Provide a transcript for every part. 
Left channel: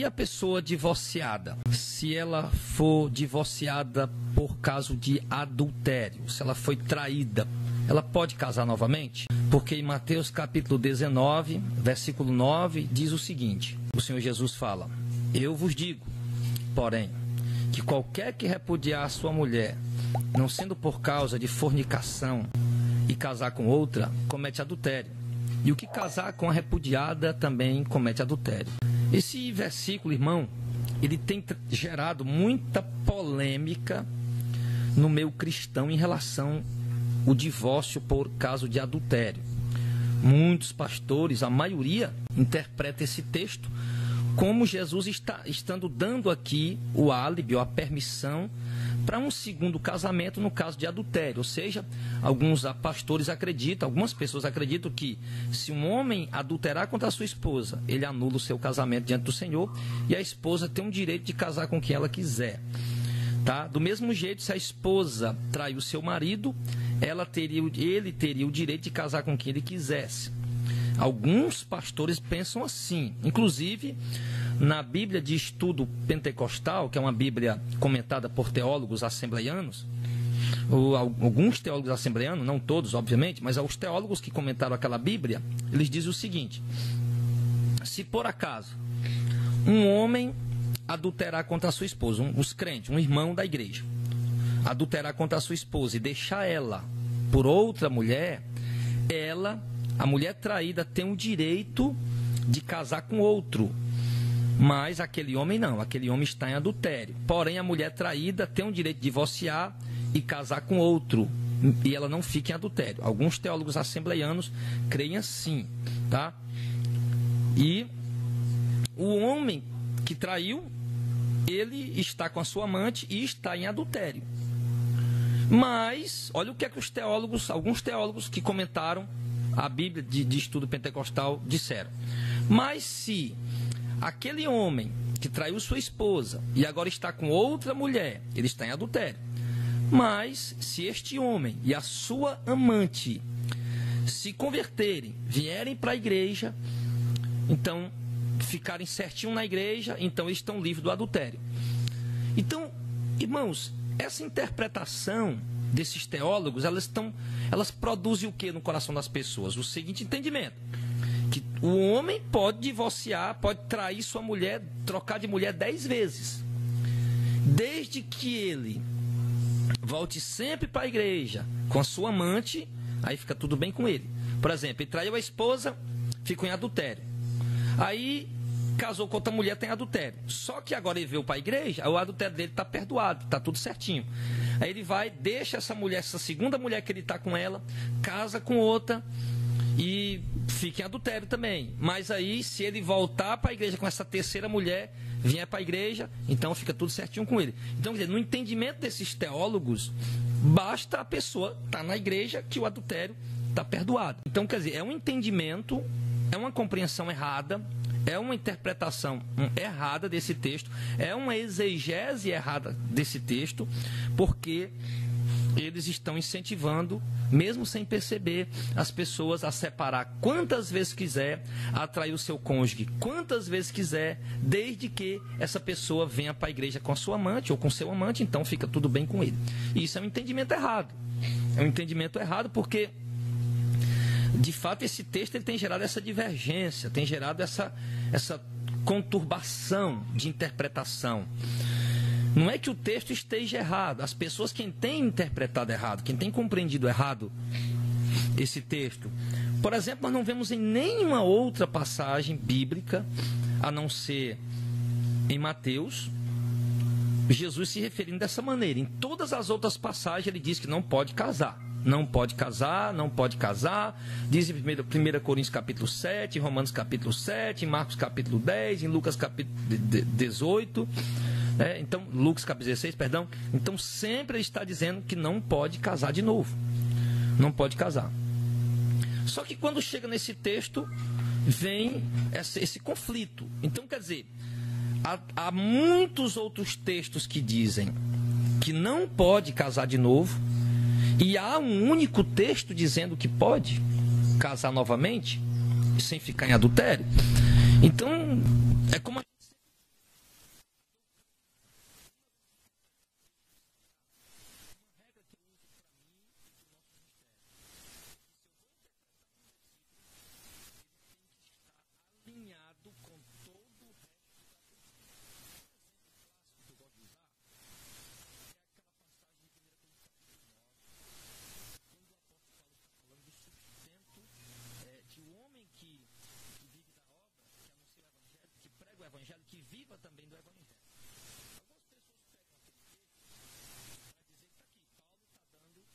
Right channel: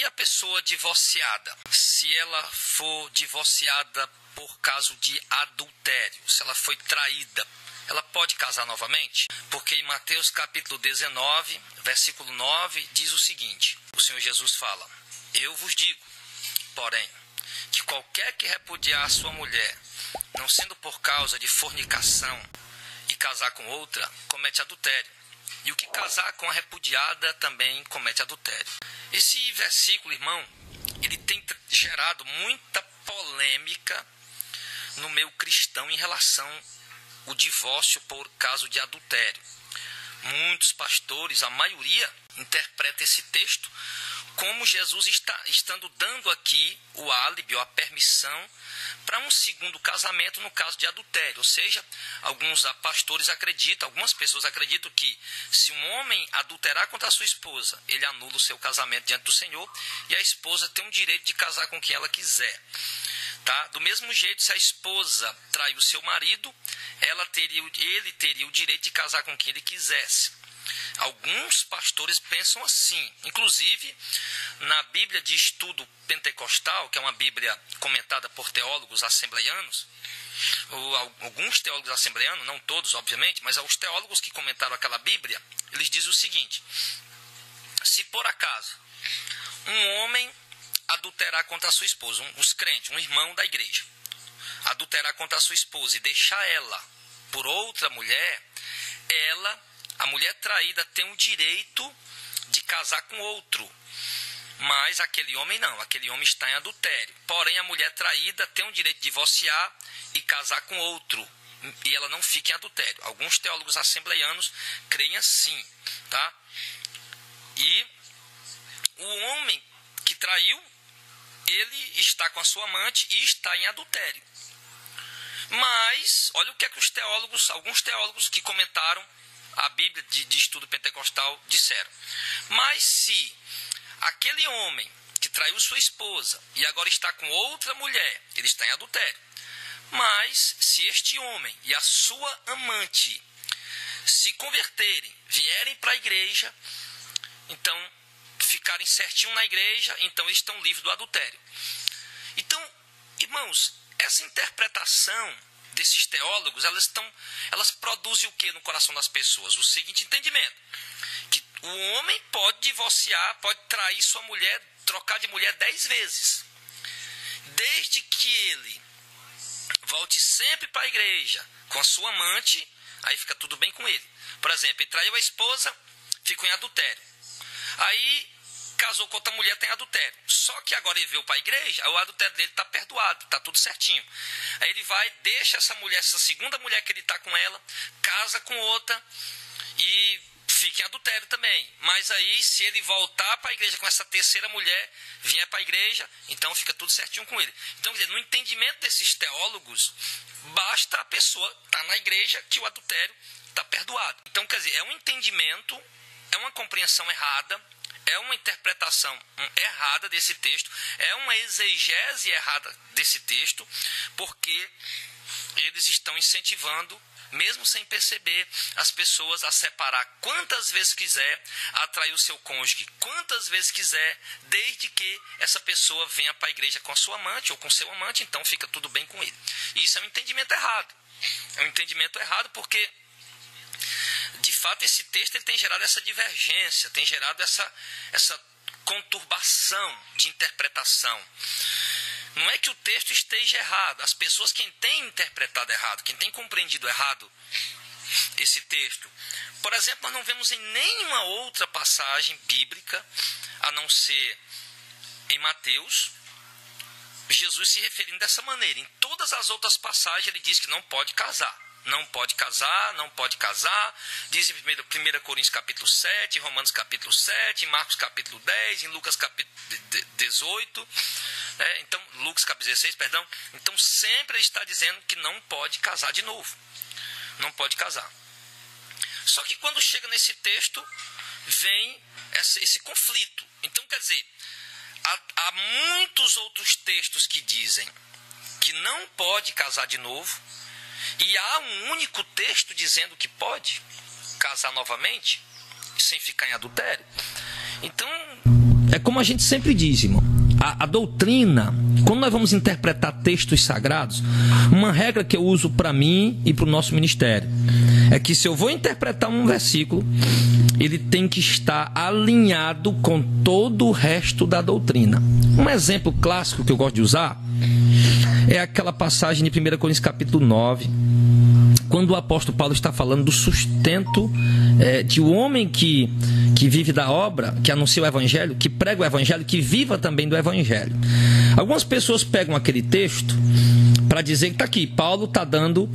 E a pessoa divorciada? Se ela for divorciada por causa de adultério, se ela foi traída, ela pode casar novamente? Porque em Mateus capítulo 19, versículo 9, diz o seguinte: o Senhor Jesus fala: eu vos digo, porém, que qualquer que repudiar a sua mulher, não sendo por causa de fornicação, e casar com outra, comete adultério. E o que casar com a repudiada também comete adultério. Esse versículo, irmão, ele tem gerado muita polêmica no meio cristão em relação ao divórcio por causa de adultério. Muitos pastores, a maioria, interpreta esse texto como Jesus estando dando aqui o álibi ou a permissão para um segundo casamento no caso de adultério. Ou seja, alguns pastores acreditam, algumas pessoas acreditam que se um homem adulterar contra a sua esposa, ele anula o seu casamento diante do Senhor e a esposa tem o direito de casar com quem ela quiser. Tá? Do mesmo jeito, se a esposa trair o seu marido, ele teria o direito de casar com quem ele quisesse. Alguns pastores pensam assim. Inclusive, na Bíblia de Estudo Pentecostal, que é uma Bíblia comentada por teólogos assembleianos, alguns teólogos assembleianos, não todos, obviamente, mas os teólogos que comentaram aquela Bíblia, eles dizem o seguinte: se por acaso um homem adulterar contra a sua esposa, os crentes, um irmão da igreja, adulterar contra a sua esposa e deixar ela por outra mulher, a mulher traída tem o direito de casar com outro, mas aquele homem não, aquele homem está em adultério. Porém, a mulher traída tem o direito de divorciar e casar com outro, e ela não fica em adultério. Alguns teólogos assembleianos creem assim, tá? E o homem que traiu, ele está com a sua amante e está em adultério. Mas, olha o que é que alguns teólogos que comentaram a Bíblia de Estudo Pentecostal disseram: mas se aquele homem que traiu sua esposa e agora está com outra mulher, ele está em adultério. Mas se este homem e a sua amante se converterem, vierem para a igreja, então ficarem certinho na igreja, então eles estão livres do adultério. Então, irmãos, essa interpretação desses teólogos, elas produzem o que no coração das pessoas? O seguinte entendimento: que o homem pode divorciar, pode trair sua mulher, trocar de mulher 10 vezes, desde que ele volte sempre para a igreja com a sua amante, aí fica tudo bem com ele. Por exemplo, ele traiu a esposa, ficou em adultério, aí casou com outra mulher, tem adultério. Só que agora ele veio para a igreja, o adultério dele está perdoado, está tudo certinho. Aí ele vai, deixa essa mulher, essa segunda mulher que ele está com ela, casa com outra e fica em adultério também. Mas aí, se ele voltar para a igreja com essa terceira mulher, vier para a igreja, então fica tudo certinho com ele. Então, quer dizer, no entendimento desses teólogos, basta a pessoa estar na igreja que o adultério está perdoado. Então, quer dizer, é um entendimento, é uma compreensão errada, é uma interpretação errada desse texto, é uma exegese errada desse texto, porque eles estão incentivando, mesmo sem perceber, as pessoas a separar quantas vezes quiser, a atrair o seu cônjuge quantas vezes quiser, desde que essa pessoa venha para a igreja com a sua amante ou com seu amante, então fica tudo bem com ele. E isso é um entendimento errado. É um entendimento errado porque, de fato, esse texto ele tem gerado essa divergência, tem gerado essa conturbação de interpretação. Não é que o texto esteja errado. As pessoas, quem tem interpretado errado, quem tem compreendido errado esse texto, por exemplo, nós não vemos em nenhuma outra passagem bíblica, a não ser em Mateus, Jesus se referindo dessa maneira. Em todas as outras passagens ele diz que não pode casar. Não pode casar, não pode casar. Diz em 1 Coríntios capítulo 7, em Romanos capítulo 7, em Marcos capítulo 10, em Lucas capítulo 18, então, Lucas capítulo 16, perdão. Então sempre ele está dizendo que não pode casar de novo. Não pode casar. Só que quando chega nesse texto, vem esse conflito. Então, quer dizer, há muitos outros textos que dizem que não pode casar de novo, e há um único texto dizendo que pode casar novamente, sem ficar em adultério. Então, é como a gente sempre diz, irmão, a doutrina, quando nós vamos interpretar textos sagrados, uma regra que eu uso para mim e para o nosso ministério é que se eu vou interpretar um versículo, ele tem que estar alinhado com todo o resto da doutrina. Um exemplo clássico que eu gosto de usar é aquela passagem de 1 Coríntios capítulo 9, quando o apóstolo Paulo está falando do sustento de um homem que vive da obra, que anuncia o evangelho, que prega o evangelho, que viva também do evangelho. Algumas pessoas pegam aquele texto para dizer que está aqui, Paulo está dando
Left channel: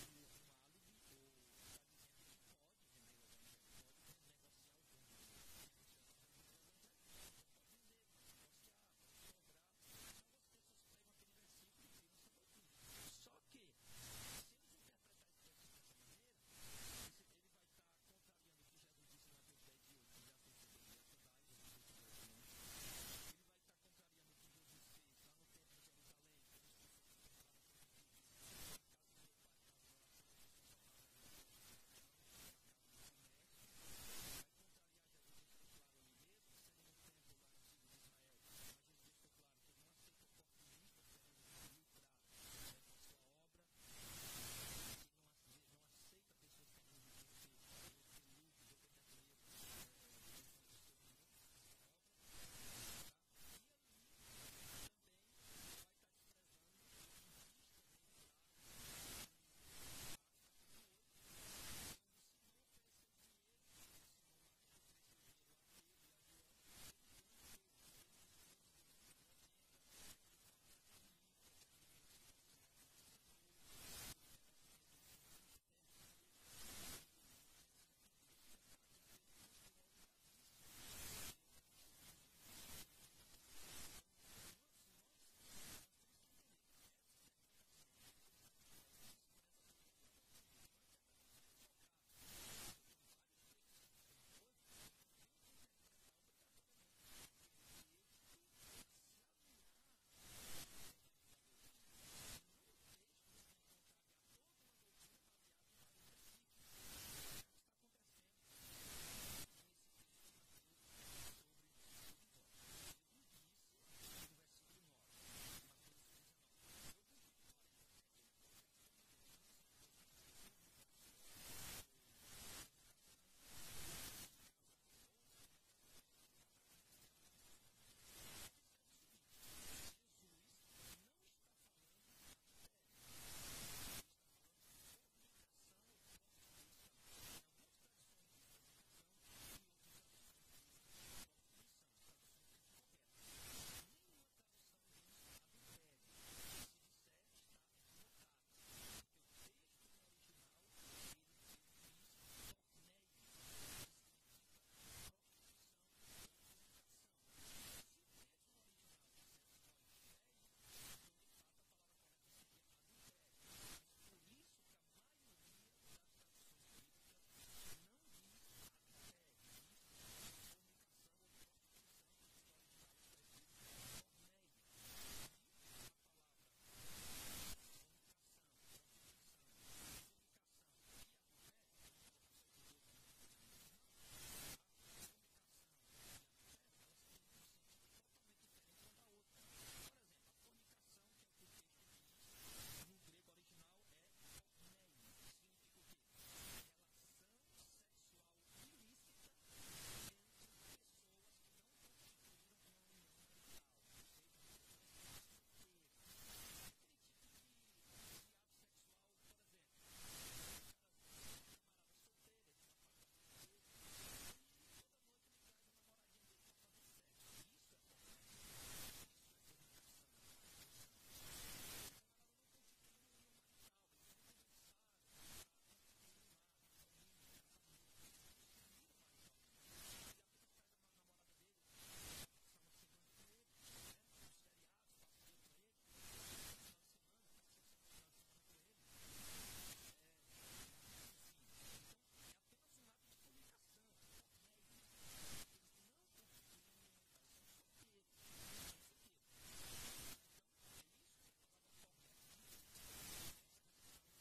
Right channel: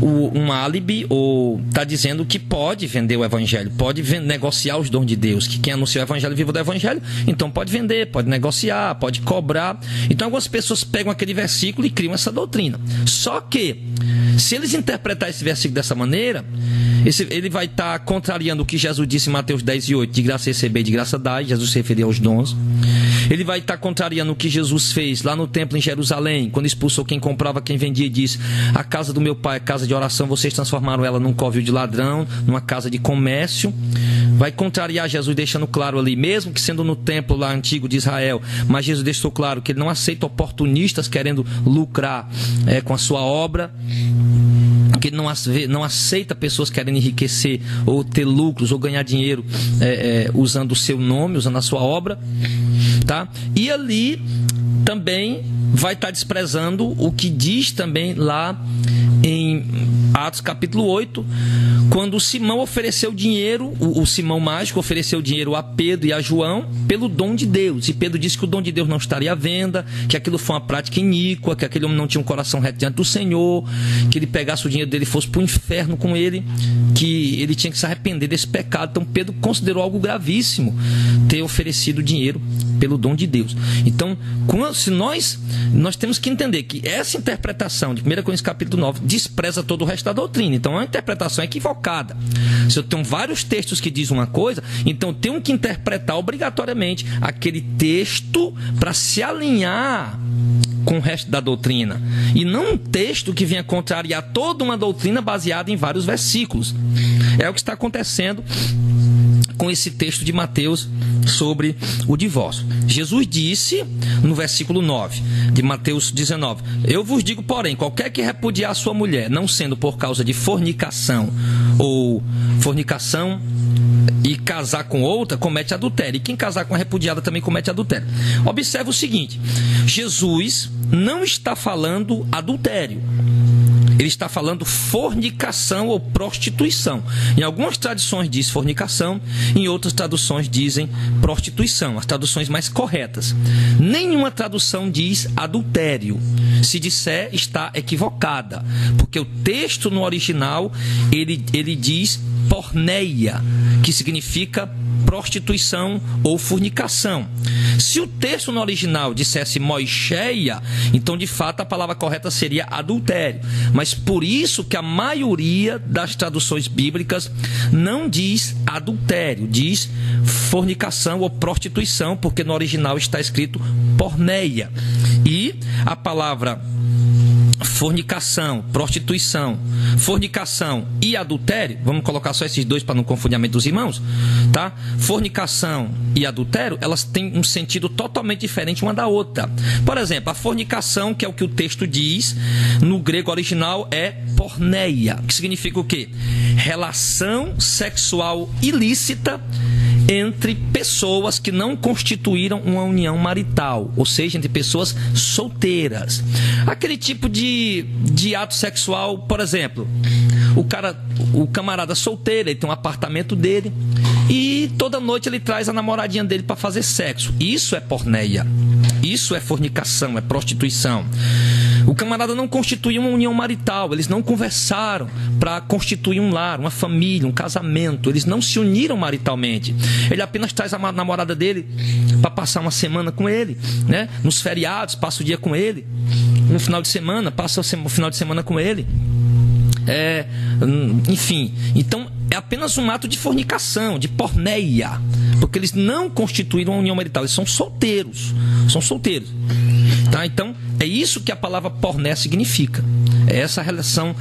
um álibi, ou está dizendo que pode vender o evangelho, pode negociar os dons de Deus, que quem anuncia o evangelho viva do evangelho, então pode vender, pode negociar, pode cobrar. Então algumas pessoas pegam aquele versículo e criam essa doutrina. Só que, se eles interpretarem esse versículo dessa maneira, ele vai estar contrariando o que Jesus disse em Mateus 10:8, de graça receber, de graça dar. Jesus se referia aos dons. Ele vai estar contrariando o que Jesus fez lá no templo em Jerusalém, quando expulsou quem comprava, quem vendia, e disse: a casa do meu pai é casa de oração, vocês transformaram ela num covil de ladrão, numa casa de comércio. Vai contrariar Jesus, deixando claro ali, mesmo que sendo no templo lá antigo de Israel, mas Jesus deixou claro que ele não aceita oportunistas querendo lucrar com a sua obra, que não aceita pessoas querendo enriquecer ou ter lucros ou ganhar dinheiro usando o seu nome, usando a sua obra, tá? E ali também vai estar desprezando o que diz também lá em Atos capítulo 8, quando Simão ofereceu dinheiro, o Simão mágico ofereceu dinheiro a Pedro e a João pelo dom de Deus, e Pedro disse que o dom de Deus não estaria à venda, que aquilo foi uma prática iníqua, que aquele homem não tinha um coração reto diante do Senhor, que ele pegasse o dinheiro dele e fosse para o inferno com ele, que ele tinha que se arrepender desse pecado. Então Pedro considerou algo gravíssimo ter oferecido dinheiro pelo dom de Deus. Então, se nós temos que entender que essa interpretação de 1 Coríntios capítulo 9 despreza todo o resto da doutrina. Então, é uma interpretação equivocada. Se eu tenho vários textos que dizem uma coisa, então eu tenho que interpretar obrigatoriamente aquele texto para se alinhar com o resto da doutrina, e não um texto que venha contrariar toda uma doutrina baseada em vários versículos. É o que está acontecendo com esse texto de Mateus sobre o divórcio. Jesus disse no versículo 9 de Mateus 19: eu vos digo, porém, qualquer que repudiar a sua mulher, não sendo por causa de fornicação ou fornicação e casar com outra, comete adultério. E quem casar com a repudiada também comete adultério. Observe o seguinte: Jesus não está falando adultério, ele está falando fornicação ou prostituição. Em algumas traduções diz fornicação, em outras traduções dizem prostituição, as traduções mais corretas. Nenhuma tradução diz adultério. Se disser, está equivocada, porque o texto no original ele diz porneia, que significa prostituição ou fornicação. Se o texto no original dissesse moicheia, então de fato a palavra correta seria adultério. Mas por isso que a maioria das traduções bíblicas não diz adultério, diz fornicação ou prostituição, porque no original está escrito porneia. E a palavra fornicação, prostituição, fornicação e adultério, vamos colocar só esses dois para não confundir a mente dos irmãos, tá? Fornicação e adultério, elas têm um sentido totalmente diferente uma da outra. Por exemplo, a fornicação, que é o que o texto diz, no grego original é porneia, que significa o quê? Relação sexual ilícita entre pessoas que não constituíram uma união marital, ou seja, entre pessoas solteiras. Aquele tipo de ato sexual, por exemplo, o camarada solteiro, ele tem um apartamento dele e toda noite ele traz a namoradinha dele para fazer sexo. Isso é porneia, isso é fornicação, é prostituição. O camarada não constituiu uma união marital, eles não conversaram para constituir um lar, uma família, um casamento, eles não se uniram maritalmente. Ele apenas traz a namorada dele para passar uma semana com ele, né? Nos feriados, passa o dia com ele, no final de semana, passa o final de semana com ele. Enfim, então é apenas um ato de fornicação, de porneia, porque eles não constituíram uma união marital, eles são solteiros, tá? Então é isso que a palavra porné significa. É essa relação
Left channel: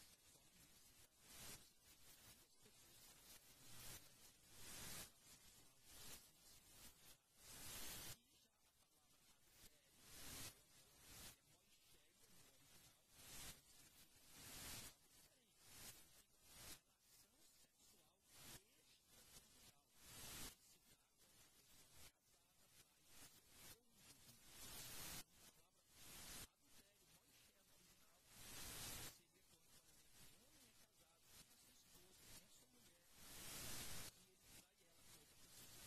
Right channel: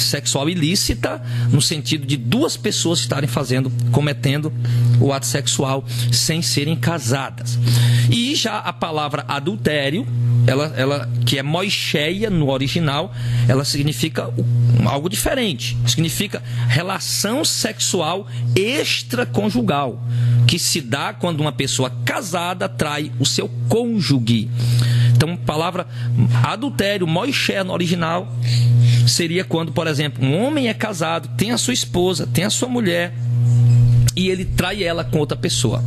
sexual ilícita, no sentido de duas pessoas estarem cometendo o ato sexual sem serem casadas. E já a palavra adultério, ela que é moicheia no original, ela significa algo diferente. Significa relação sexual extraconjugal, que se dá quando uma pessoa casada trai o seu cônjuge. Então, a palavra adultério, moicheia no original, seria quando, por exemplo, um homem é casado, tem a sua esposa, tem a sua mulher, e ele trai ela com outra pessoa.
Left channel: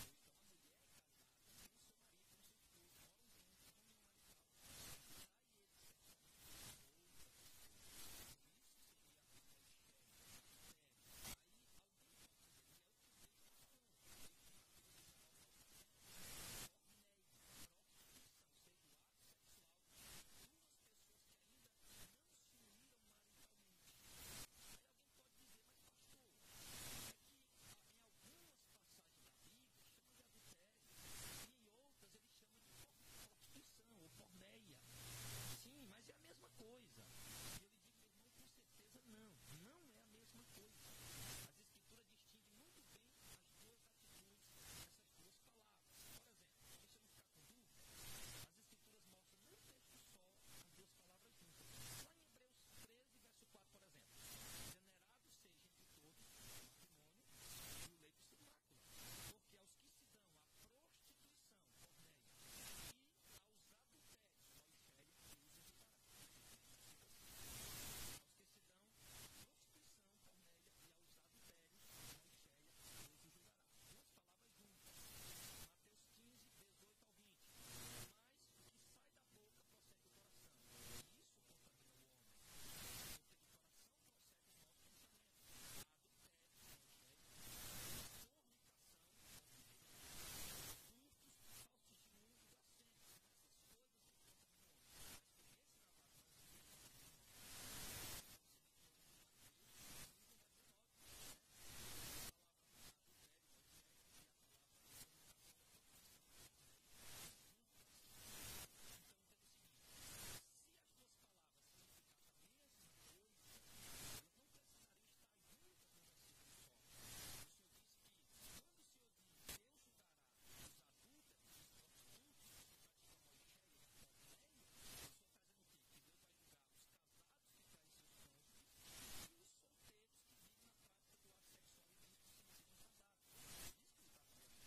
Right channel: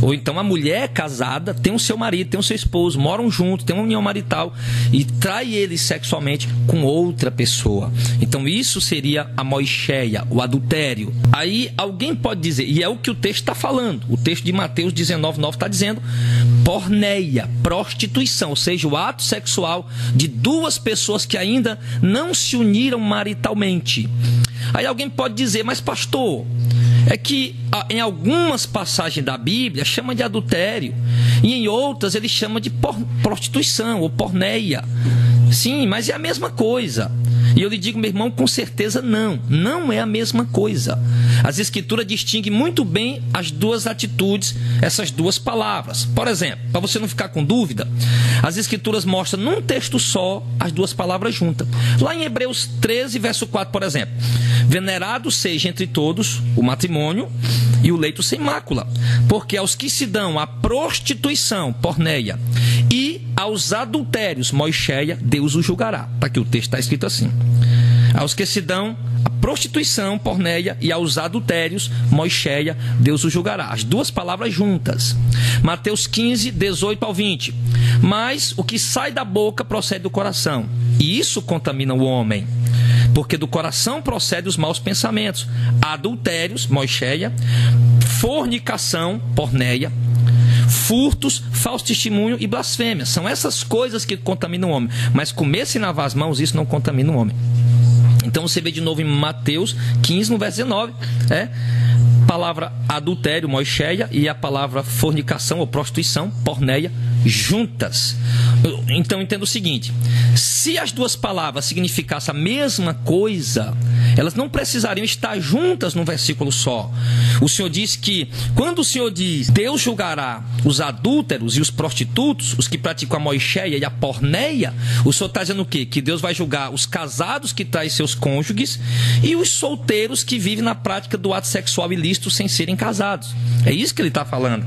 Ou então a mulher casada tem o seu marido, tem o seu esposo, moram juntos, tem uma união marital e trai ele sexualmente com outra pessoa. Então isso seria a moicheia, o adultério. Aí alguém pode dizer, e é o que o texto está falando, o texto de Mateus 19:9 está dizendo, porneia, prostituição, ou seja, o ato sexual de duas pessoas que ainda não se uniram maritalmente. Aí alguém pode dizer, mas pastor, é que em algumas passagens da Bíblia chama de adultério e em outras ele chama de prostituição ou porneia. Sim, mas é a mesma coisa. E eu lhe digo, meu irmão, com certeza não é a mesma coisa. As Escrituras distinguem muito bem as duas atitudes, essas duas palavras. Por exemplo, para você não ficar com dúvida, as Escrituras mostram num texto só as duas palavras juntas. Lá em Hebreus 13, verso 4, por exemplo, venerado seja entre todos o matrimônio e o leito sem mácula, porque aos que se dão à prostituição, porneia, e aos adultérios, moicheia, Deus o julgará. Está aqui o texto, está escrito assim. Aos que se dão à prostituição, porneia, e aos adultérios, moicheia, Deus o julgará. As duas palavras juntas. Mateus 15, 18 ao 20. Mas o que sai da boca procede do coração, e isso contamina o homem. Porque do coração procedem os maus pensamentos, adultérios, moicheia, fornicação, porneia, furtos, falso testemunho e blasfêmia. São essas coisas que contaminam o homem. Mas comer sem lavar as mãos, isso não contamina o homem. Então você vê de novo em Mateus 15, no verso 19, palavra adultério, moicheia, e a palavra fornicação ou prostituição, porneia, juntas. Então entenda o seguinte, se as duas palavras significassem a mesma coisa, elas não precisariam estar juntas num versículo só. O Senhor diz que, quando o Senhor diz, Deus julgará os adúlteros e os prostitutos, os que praticam a moicheia e a porneia, o Senhor está dizendo o quê? Que Deus vai julgar os casados que traem seus cônjuges e os solteiros que vivem na prática do ato sexual ilícito sem serem casados. É isso que ele está falando.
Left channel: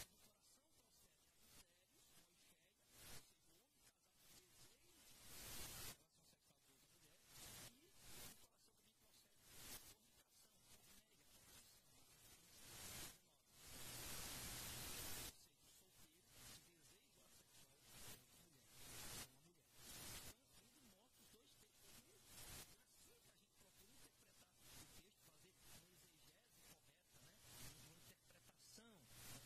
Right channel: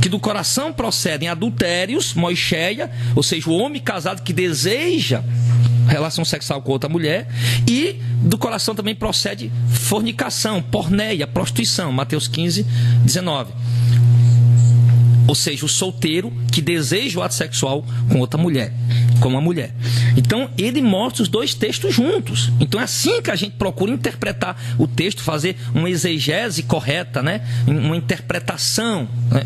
Que do coração procedem adultérios, moicheia, ou seja, o homem casado que deseja relação sexual com outra mulher, e do coração também procede fornicação, porneia, prostituição, Mateus 15, 19. Ou seja, o solteiro que deseja o ato sexual com outra mulher, com uma mulher. Então, ele mostra os dois textos juntos. Então, é assim que a gente procura interpretar o texto, fazer uma exegese correta, né? Uma interpretação, né?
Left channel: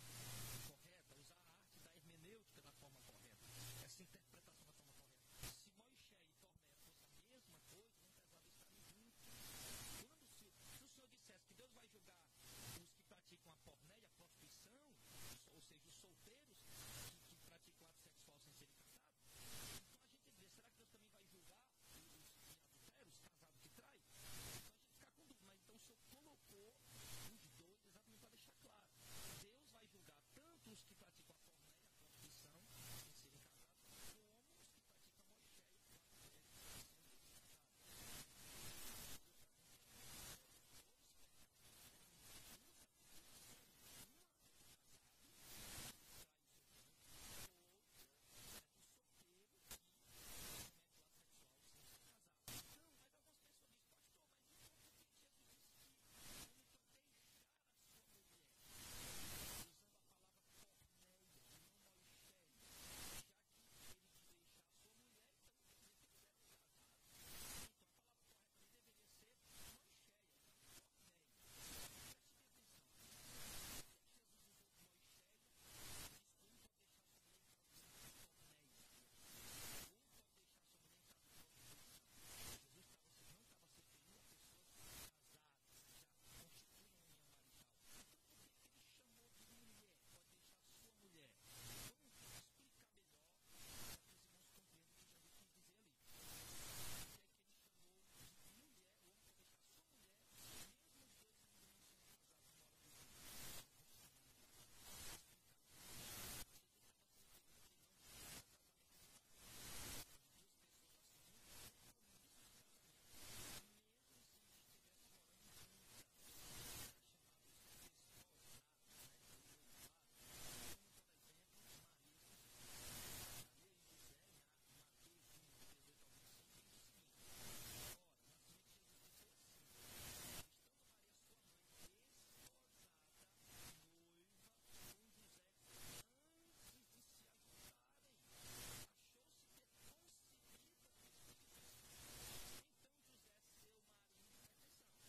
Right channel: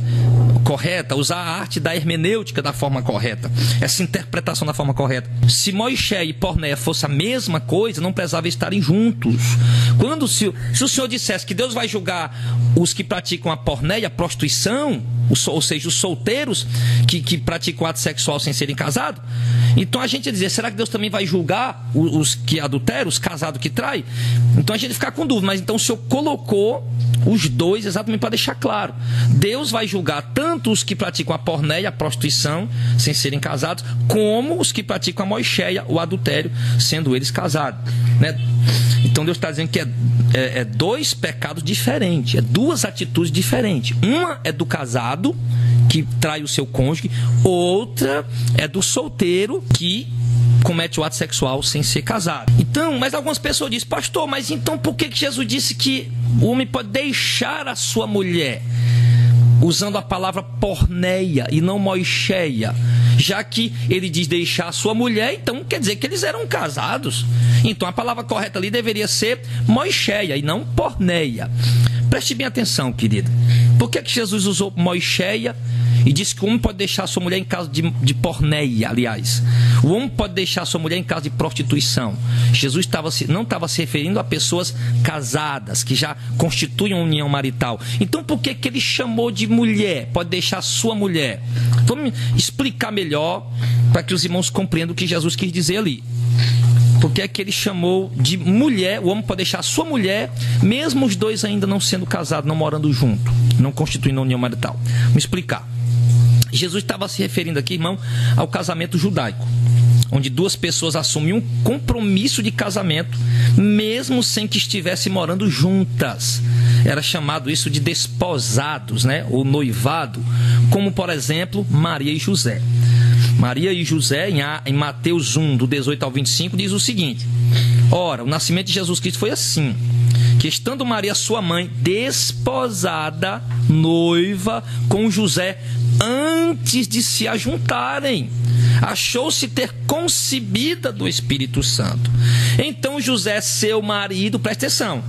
Correta, usar a arte da hermenêutica da forma correta, essa interpretação da forma correta. Se moicheia e porneia fosse a mesma coisa, não precisava estarem juntos. Se o Senhor dissesse que Deus vai julgar os que praticam a porneia, a prostituição, ou seja, os solteiros que praticam ato sexual sem serem casados, então a gente ia dizer, será que Deus também vai julgar os que adulteram, os casados que traem? Então a gente fica com dúvida, mas então o Senhor colocou os dois exatamente para deixar claro. Deus vai julgar tanto os que praticam a porneia, a prostituição, sem serem casados, como os que praticam a moicheia, o adultério, sendo eles casados, né? Então Deus está dizendo que é dois pecados diferentes, é duas atitudes diferentes. Uma é do casado, que trai o seu cônjuge, outra é do solteiro, que comete o ato sexual sem ser casado. Então, mas algumas pessoas dizem, pastor, mas então por que Jesus disse que o homem pode deixar a sua mulher? Usando a palavra porneia e não moicheia, já que ele diz deixar a sua mulher, então quer dizer que eles eram casados. Então a palavra correta ali deveria ser moicheia e não porneia. Preste bem atenção, querido. Por que Jesus usou moicheia e disse que o homem pode deixar a sua mulher em caso de porneia, aliás? O homem pode deixar a sua mulher em caso de prostituição. Jesus não estava se referindo a pessoas casadas, que já constituem uma união marital. Então por que ele chamou de mulher? Pode deixar a sua mulher. Vamos explicar melhor para que os irmãos compreendam o que Jesus quis dizer ali. Porque é que ele chamou de mulher. O homem pode deixar a sua mulher, mesmo os dois ainda não sendo casados, não morando junto, não constituindo união marital. Vamos explicar. Jesus estava se referindo aqui, irmão, ao casamento judaico, onde duas pessoas assumem um compromisso de casamento, mesmo sem que estivessem morando juntas. Era chamado isso de desposados, né? Ou noivado, como, por exemplo, Maria e José. Maria e José, em Mateus 1, do 18 ao 25, diz o seguinte: ora, o nascimento de Jesus Cristo foi assim, que estando Maria, sua mãe, desposada, noiva com José, antes de se ajuntarem, achou-se ter concebida do Espírito Santo. Então José, seu marido, presta atenção,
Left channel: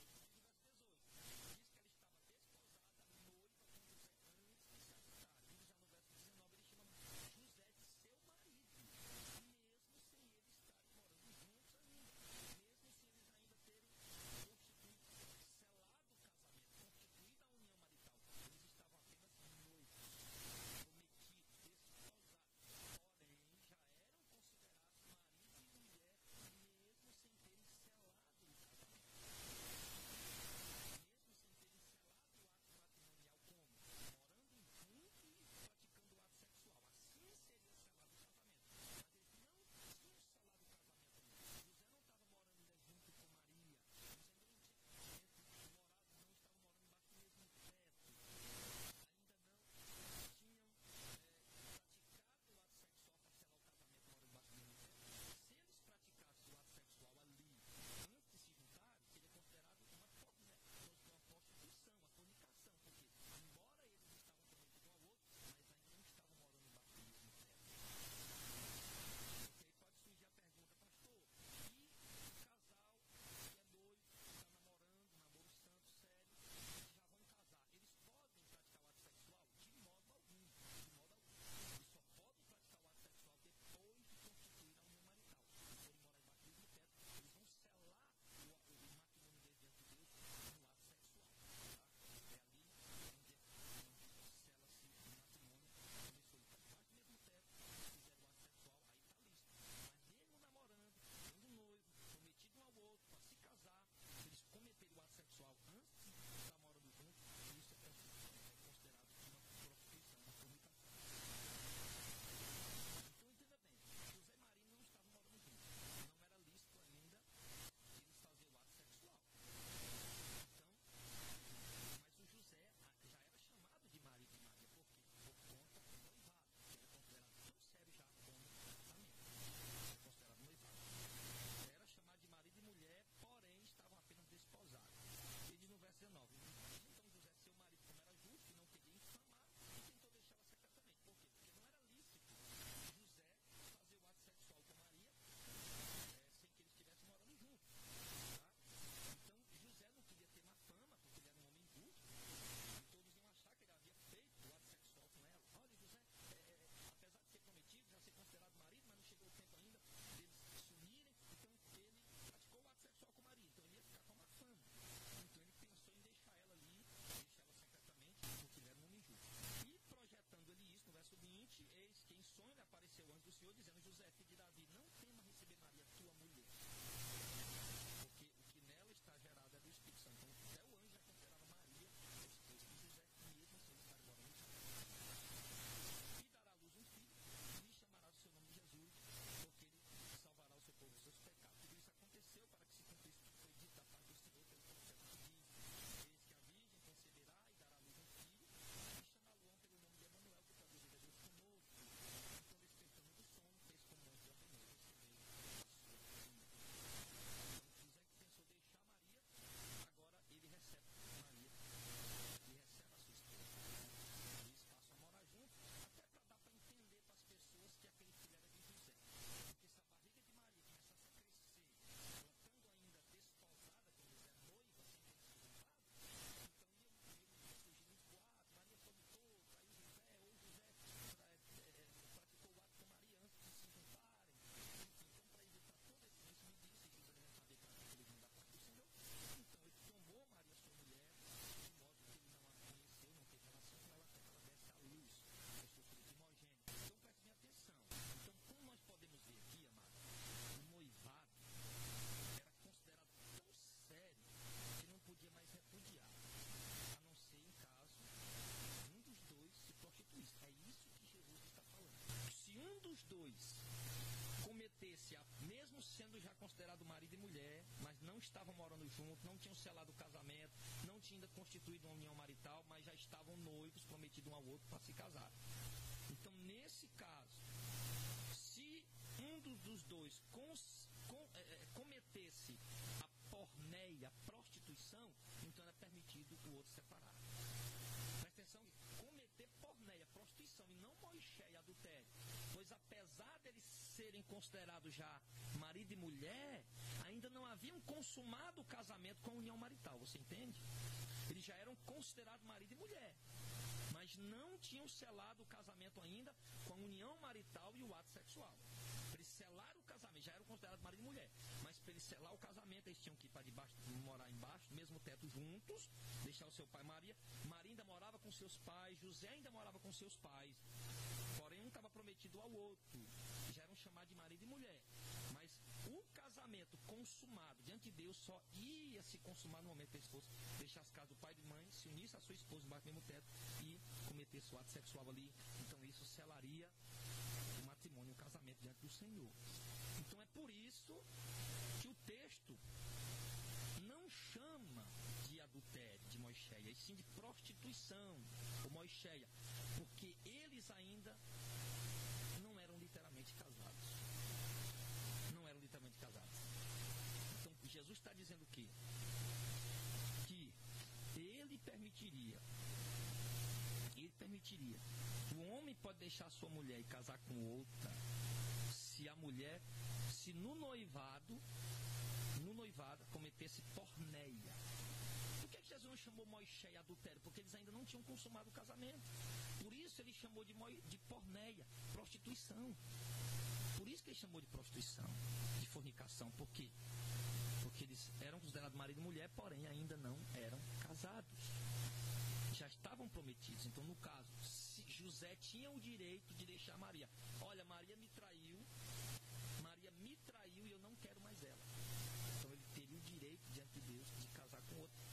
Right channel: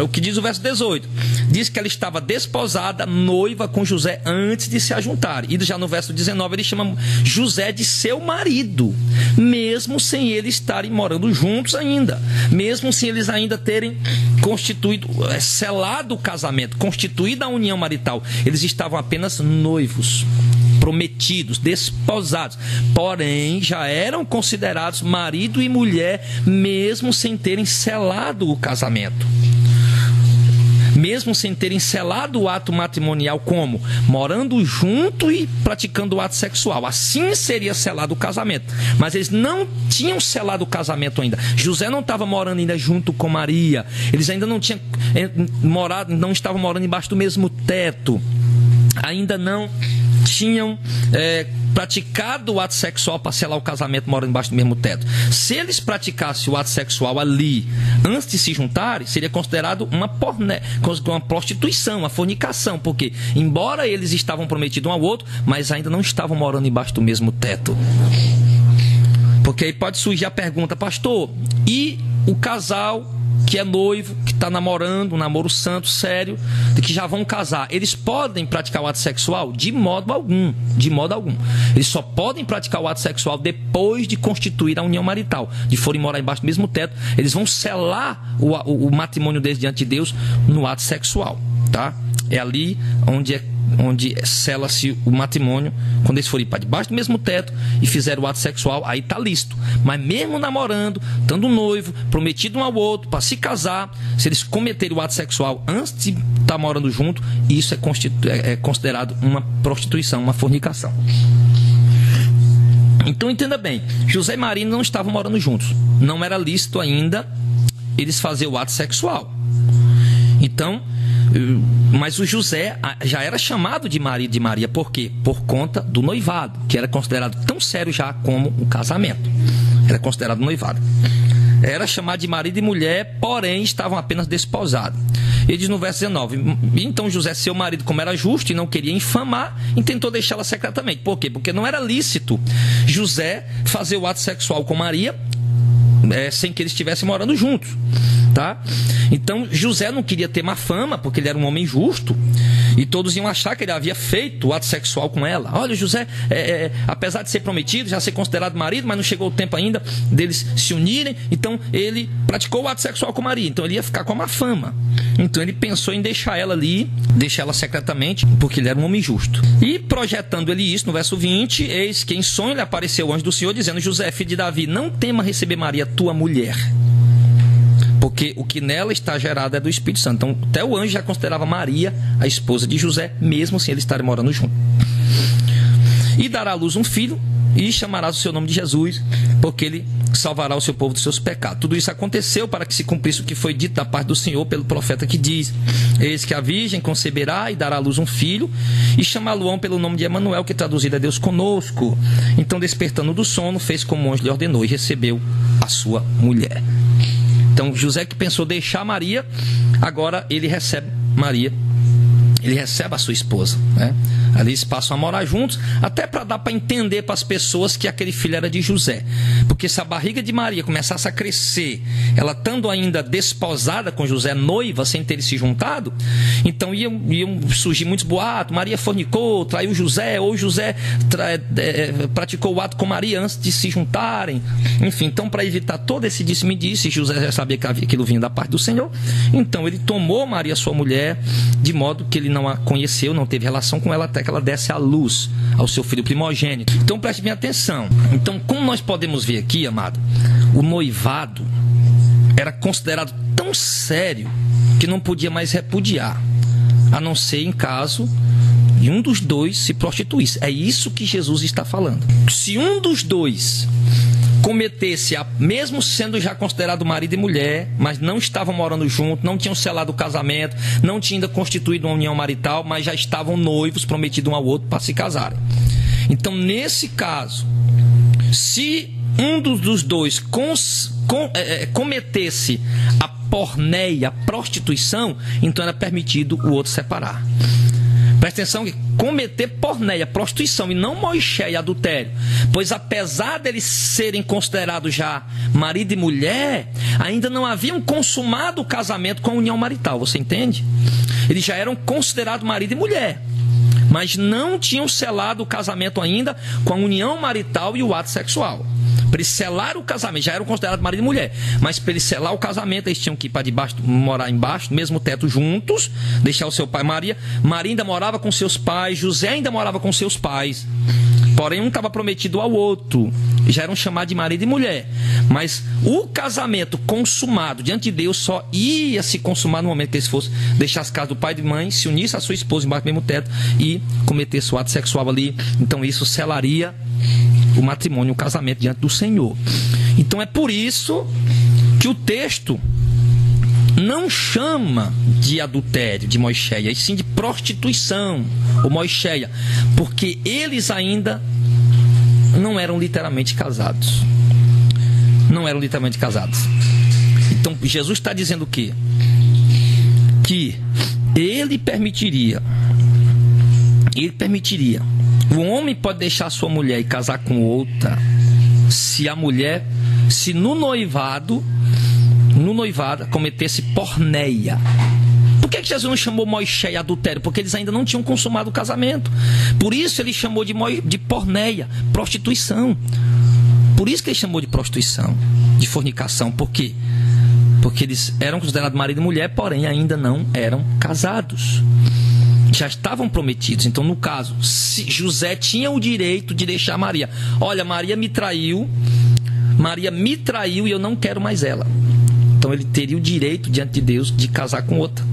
o que diz o verso 18, diz que ela estava desposada, noiva com José, antes de se ajuntarem. E já no verso 19 ele chama José de seu marido, mesmo sem eles estarem morando juntos ainda, mesmo sem eles ainda terem constituído, selado o casamento, constituída a união marital. Eles estavam apenas noivos, prometidos, desposados, porém já eram considerados marido e mulher, mesmo sem terem selado o casamento. Mesmo sem terem selado o ato matrimonial, como? Morando junto e praticando o ato sexual. Assim seria selado o casamento. Mas eles não tinham selado o casamento ainda. José não estava morando ainda junto com Maria. Eles ainda não tinham morado, não estavam morando embaixo do mesmo teto. Ainda não tinham praticado o ato sexual para selar o casamento morando embaixo do mesmo teto. Se eles praticassem o ato sexual ali antes de se juntarem, seria considerado uma prostituição, uma fornicação, porque embora eles estavam prometidos um ao outro, mas ainda não estavam morando embaixo do mesmo teto. Porque aí pode surgir a pergunta: pastor, e o casal que é noivo, que está namorando, um namoro santo, sério, de que já vão casar, eles podem praticar o ato sexual? De modo algum, de modo algum. Eles só podem praticar o ato sexual depois de constituir a união marital, de forem morar embaixo do mesmo teto. Eles vão selar o matrimônio deles diante de Deus no ato sexual, tá? É ali onde sela-se o matrimônio, quando eles forem para debaixo do mesmo teto e fizeram o ato sexual, aí está lícito. Mas mesmo namorando, estando noivo, prometido um ao outro para se casar, se eles cometerem o ato sexual antes de estar morando junto, isso é considerado uma prostituição, uma fornicação. Então entenda bem, José e Maria não estavam morando juntos, não era lícito ainda eles fazerem o ato sexual. Então, mas o José já era chamado de marido de Maria. Por quê? Por conta do noivado, que era considerado tão sério já como o casamento. Era considerado noivado. Era chamado de marido e mulher, porém estavam apenas desposados. Ele diz no verso 19: então José, seu marido, como era justo e não queria infamar, intentou deixá-la secretamente. Por quê? Porque não era lícito José fazer o ato sexual com Maria sem que eles estivessem morando juntos, tá? Então José não queria ter má fama, porque ele era um homem justo, e todos iam achar que ele havia feito o ato sexual com ela. Olha, José, apesar de ser prometido, já ser considerado marido, mas não chegou o tempo ainda deles se unirem, então ele praticou o ato sexual com Maria, então ele ia ficar com a má fama. Então ele pensou em deixar ela ali, deixar ela secretamente, porque ele era um homem justo. E projetando ele isso, no verso 20, eis que em sonho lhe apareceu o anjo do Senhor, dizendo: José, filho de Davi, não tema receber Maria, tua mulher, porque o que nela está gerado é do Espírito Santo. Então até o anjo já considerava Maria a esposa de José, mesmo sem eles estarem morando juntos. E dará à luz um filho, e chamarás o seu nome de Jesus, porque ele salvará o seu povo dos seus pecados. Tudo isso aconteceu para que se cumprisse o que foi dito da parte do Senhor pelo profeta, que diz: eis que a virgem conceberá e dará à luz um filho, e chamá-lo-ão pelo nome de Emanuel, que traduzido é Deus conosco. Então, despertando do sono, fez como o anjo lhe ordenou e recebeu a sua mulher. Então José, que pensou deixar Maria, agora ele recebe Maria, ele recebe a sua esposa, né? Ali eles passam a morar juntos, até para dar para entender para as pessoas que aquele filho era de José. Porque se a barriga de Maria começasse a crescer, ela estando ainda desposada com José, noiva, sem ter se juntado, então iam surgir muitos boatos: Maria fornicou, traiu José, ou José praticou o ato com Maria antes de se juntarem. Enfim, então, para evitar todo esse disse-me-disse, José já sabia que aquilo vinha da parte do Senhor, então ele tomou Maria, sua mulher, de modo que ele não a conheceu, não teve relação com ela até até que ela desse à luz ao seu filho primogênito. Então preste bem atenção. Então, como nós podemos ver aqui, amado, o noivado era considerado tão sério que não podia mais repudiar, a não ser em caso de um dos dois se prostituísse. É isso que Jesus está falando. Se um dos dois cometesse, mesmo sendo já considerado marido e mulher, mas não estavam morando juntos, não tinham selado o casamento, não tinham ainda constituído uma união marital, mas já estavam noivos, prometidos um ao outro para se casarem. Então, nesse caso, se um dos dois cometesse a porneia, a prostituição, então era permitido o outro separar. Presta atenção que cometer porneia, prostituição e não moixé e adultério, pois apesar deles serem considerados já marido e mulher, ainda não haviam consumado o casamento com a união marital, você entende? Eles já eram considerados marido e mulher, mas não tinham selado o casamento ainda com a união marital e o ato sexual. Para eles selar o casamento, já eram considerados marido e mulher, mas para eles selar o casamento, eles tinham que ir para debaixo, morar embaixo do mesmo teto juntos, deixar o seu pai. Maria ainda morava com seus pais, José ainda morava com seus pais, porém um estava prometido ao outro, já eram chamados de marido e mulher, mas o casamento consumado diante de Deus só ia se consumar no momento que eles fossem deixar as casas do pai e de mãe, se unisse a sua esposa embaixo do mesmo teto e cometesse o ato sexual ali. Então isso selaria o matrimônio, o casamento diante do Senhor. Então é por isso que o texto não chama de adultério, de moixéia, e sim de prostituição, ou moixéia, porque eles ainda não eram literalmente casados. Não eram literalmente casados. Então Jesus está dizendo o quê? Que ele permitiria. O homem pode deixar sua mulher e casar com outra se no noivado cometesse porneia. Por que Jesus não chamou moixé e adultério? Porque eles ainda não tinham consumado o casamento. Por isso ele chamou de porneia, prostituição. Por isso que ele chamou de prostituição, de fornicação. Por quê? Porque eles eram considerados marido e mulher, porém ainda não eram casados. Já estavam prometidos. Então, no caso, José tinha o direito de deixar Maria. Olha, Maria me traiu e eu não quero mais ela. Então, ele teria o direito diante de Deus de casar com outra,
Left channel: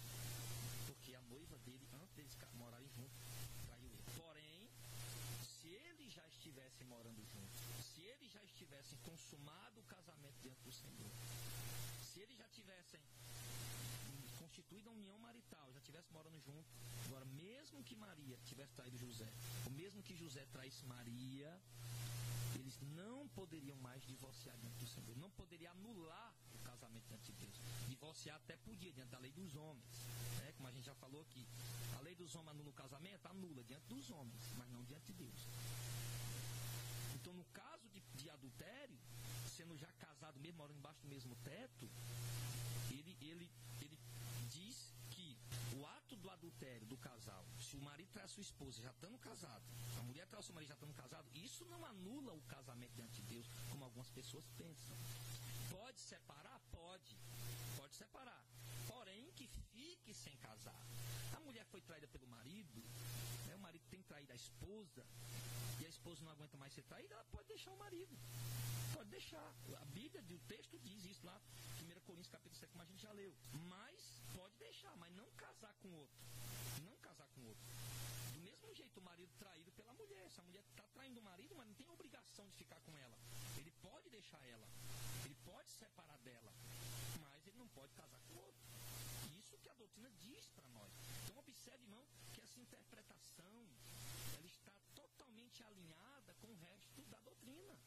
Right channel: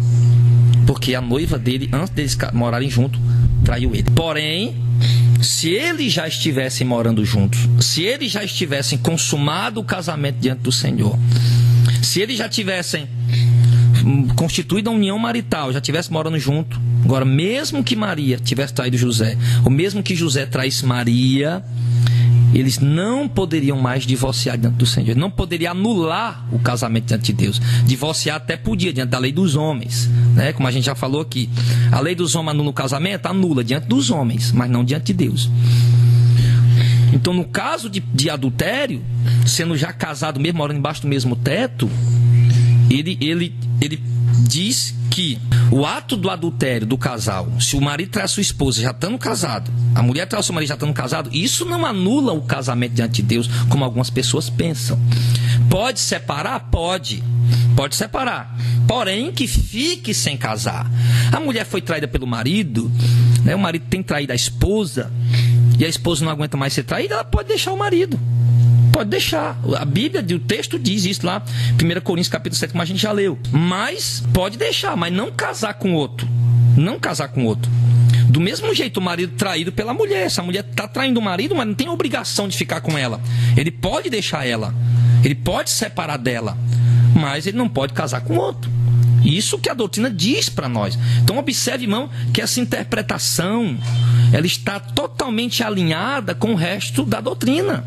porque a noiva dele, antes deles morarem juntos, traiu ele. Porém, se eles já estivessem morando juntos, se eles já estivessem consumado o casamento diante do Senhor, se eles já tivessem constituído a união marital, já estivessem morando junto, agora, mesmo que Maria tivesse traído José, ou mesmo que José traísse Maria, eles não poderiam mais divorciar diante do Senhor. Não poderia anular o casamento diante de Deus. Divorciar até podia, diante da lei dos homens, né? Como a gente já falou aqui. A lei dos homens anula o casamento? Anula diante dos homens, mas não diante de Deus. Então, no caso de adultério, sendo já casado mesmo, morando embaixo do mesmo teto, ele diz que o ato do adultério do casal, se o marido trai a sua esposa já estando casado, a mulher trai o seu marido já estando casado, isso não anula o casamento diante de Deus, como algumas pessoas pensam. Pode separar? Pode separar, porém que fique sem casar. A mulher foi traída pelo marido, né? O marido tem traído a esposa e a esposa não aguenta mais ser traída, ela pode deixar o marido. Pode deixar. A Bíblia, o texto diz isso lá, 1 Coríntios capítulo 7, como a gente já leu. Mas pode deixar, mas não casar com outro. Não casar com outro. Do mesmo jeito, o marido traído pela mulher. Se a mulher está traindo o marido, mas não tem obrigação de ficar com ela. Ele pode deixar ela. Ele pode separar dela. Mas ele não pode casar com outro. Isso que a doutrina diz para nós. Então observe, irmão, que essa interpretação ela está totalmente alinhada com o resto da doutrina.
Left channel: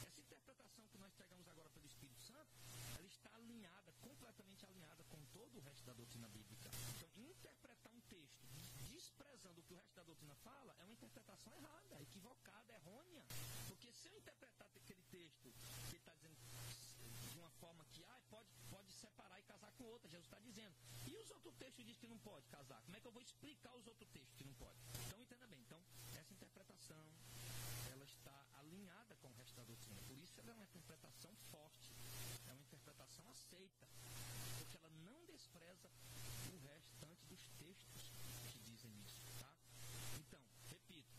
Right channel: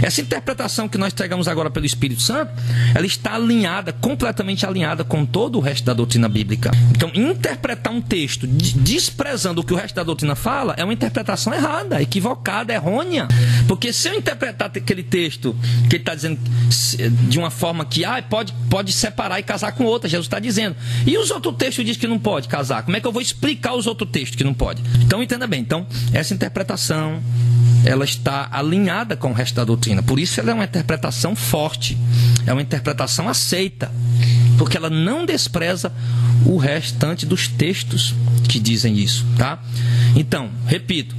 Essa interpretação que nós entregamos agora pelo Espírito Santo, ela está alinhada, completamente alinhada com todo o resto da doutrina bíblica. Então, interpretar um texto desprezando o que o resto da doutrina fala é uma interpretação errada, equivocada, errônea. Porque se eu interpretar aquele texto que ele está dizendo de uma forma que pode separar e casar com outra, Jesus está dizendo. E os outros textos dizem que não pode casar. Como é que eu vou explicar os outros textos que não pode? Então, entenda bem. Então, essa interpretação ela está alinhada com o resto da doutrina. Por isso ela é uma interpretação forte, é uma interpretação aceita, porque ela não despreza o restante dos textos que dizem isso, tá? Então, repito,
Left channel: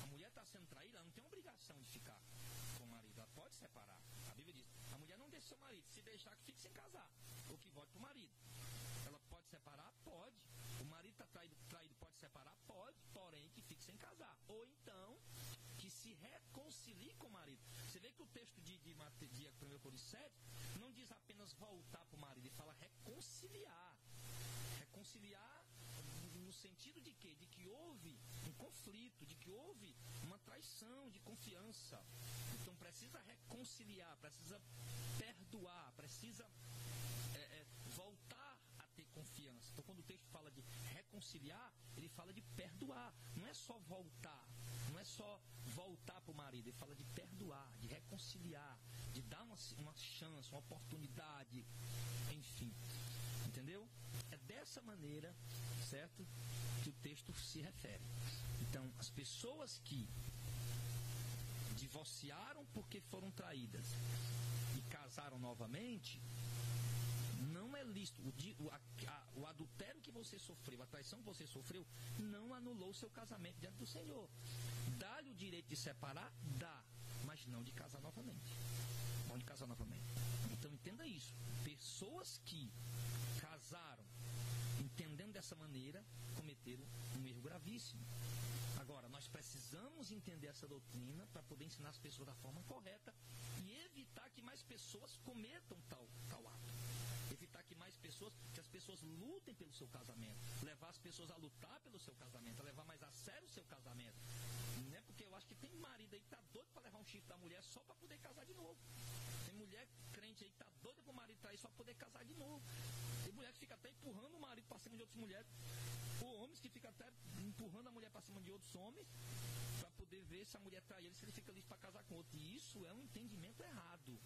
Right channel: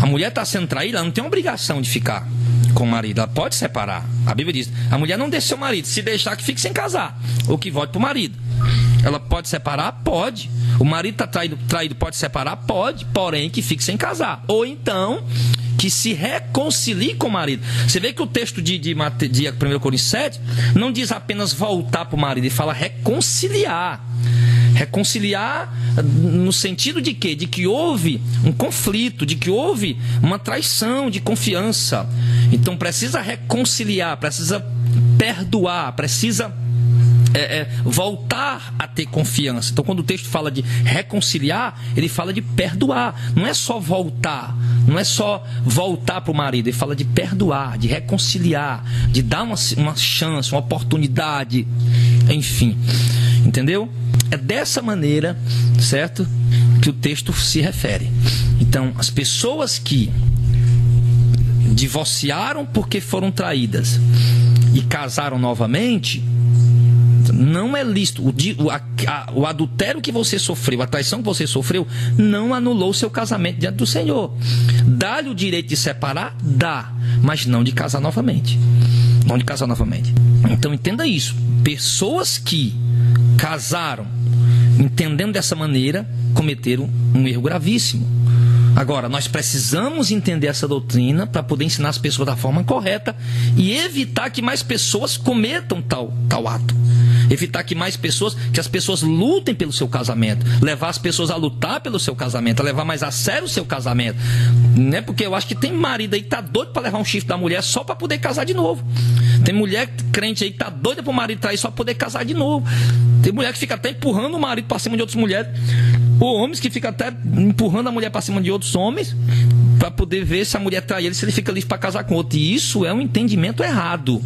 a mulher está sendo traída, ela não tem obrigação de ficar com o marido, ela pode separar. A Bíblia diz, a mulher não deixa seu marido, se deixar que fique sem casar, ou que volte para o marido. Ela pode separar? Pode. O marido está traído, pode separar? Pode, porém que fique sem casar. Ou então, que se reconcilie com o marido. Você vê que o texto de 1 Coríntios 7 não diz apenas voltar para o marido, ele fala reconciliar. Reconciliar no sentido de quê? De que houve um conflito, de que houve uma traição de confiança. Então precisa reconciliar, precisa perdoar, precisa voltar a ter confiança. Então quando o texto fala de reconciliar, ele fala de perdoar. Não é só voltar, não é só voltar para o marido, ele fala de perdoar, de reconciliar, de dar uma chance, uma oportunidade, enfim, entendeu? É dessa maneira, certo, que o texto se refere. Então, as pessoas que divorciaram porque foram traídas e casaram novamente, não é lícito. O adultério que você sofreu, a traição que você sofreu, não anulou seu casamento diante do Senhor. Dá-lhe o direito de separar? Dá, mas não de casar novamente. Não de casar novamente. Então entenda isso. Pessoas que casaram entendendo dessa maneira, cometeram um erro gravíssimo. Agora, nós precisamos entender essa doutrina para poder ensinar as pessoas da forma correta e evitar que mais pessoas cometam tal ato. Evitar que as pessoas lutem pelo seu casamento. Levar as pessoas a lutar pelo seu casamento, a levar mais a sério o seu casamento. Né? Porque eu acho que tem marido aí que tá doido para levar um chifre da mulher só para poder casar de novo. Tem mulher crente aí que tá doida para o marido trair só para poder casar de novo. Tem mulher que fica até empurrando o marido para cima de outras mulheres. Ou homens que ficam até empurrando a mulher para cima de outros homens para poder ver se a mulher trai ele, se ele fica livre para casar com outro. E isso é um entendimento errado.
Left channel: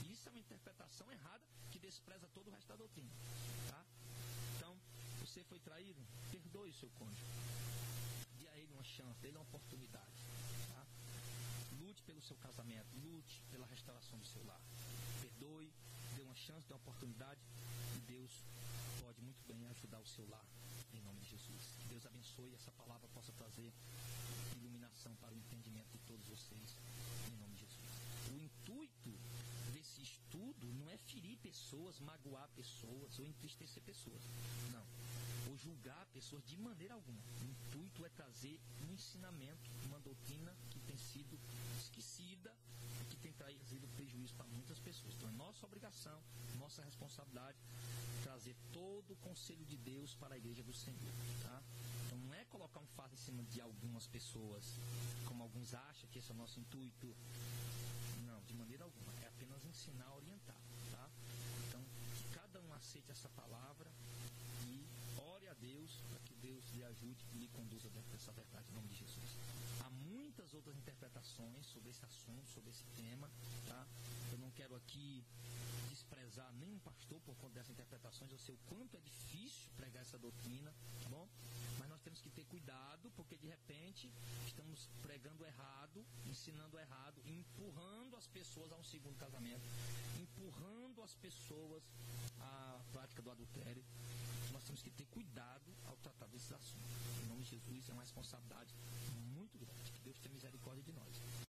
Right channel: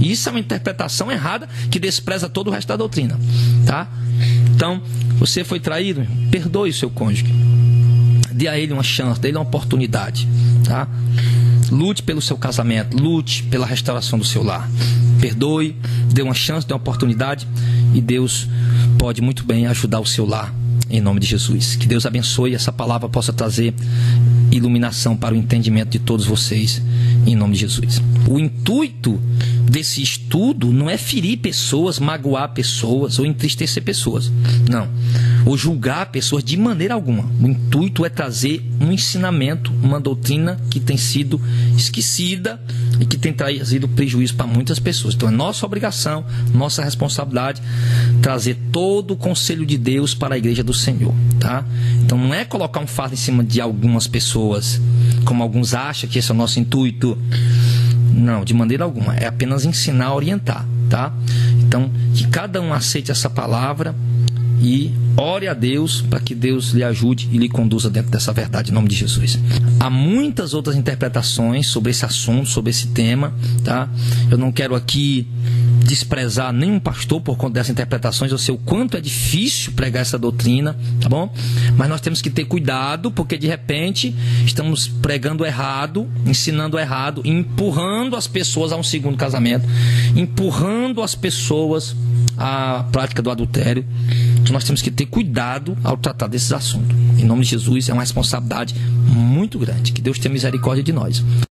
Isso é uma interpretação errada que despreza todo o resto da doutrina, tá? Então, você foi traído, perdoe o seu cônjuge. Dê a ele uma chance, dê a ele uma oportunidade, tá? Lute pelo seu casamento, lute pela restauração do seu lar. Perdoe, dê uma chance, dê uma oportunidade e Deus pode muito bem ajudar o seu lar, em nome de Jesus. Que Deus abençoe e essa palavra possa trazer iluminação para o entendimento de todos vocês, em nome de Jesus. O intuito desse estudo não é ferir pessoas, magoar pessoas ou entristecer pessoas, não, ou julgar pessoas de maneira alguma. O intuito é trazer um ensinamento, uma doutrina que tem sido esquecida e que tem trazido prejuízo para muitas pessoas. Então é nossa obrigação, nossa responsabilidade trazer todo o conselho de Deus para a igreja do Senhor, tá? Então não é colocar um fardo em cima de algumas pessoas, como alguns acham que esse é o nosso intuito. Não, de maneira alguma. É apenas ensinar, orientar, tá? Então, que cada um aceite essa palavra e ore a Deus para que Deus lhe ajude e lhe conduza dentro dessa verdade, em nome de Jesus. Há muitas outras interpretações sobre esse assunto, sobre esse tema, tá? Eu não quero aqui desprezar nenhum pastor por conta dessas interpretações. Eu sei o quanto é difícil pregar essa doutrina, tá bom? Mas nós temos que ter cuidado, porque de repente estamos pregando errado, ensinando errado, empurrando as pessoas a um segundo casamento, empurrando as pessoas à prática do adultério. Então nós temos que ter cuidado ao tratar desses assuntos. Em nome de Jesus, é uma responsabilidade muito grande. Que Deus tenha misericórdia de nós.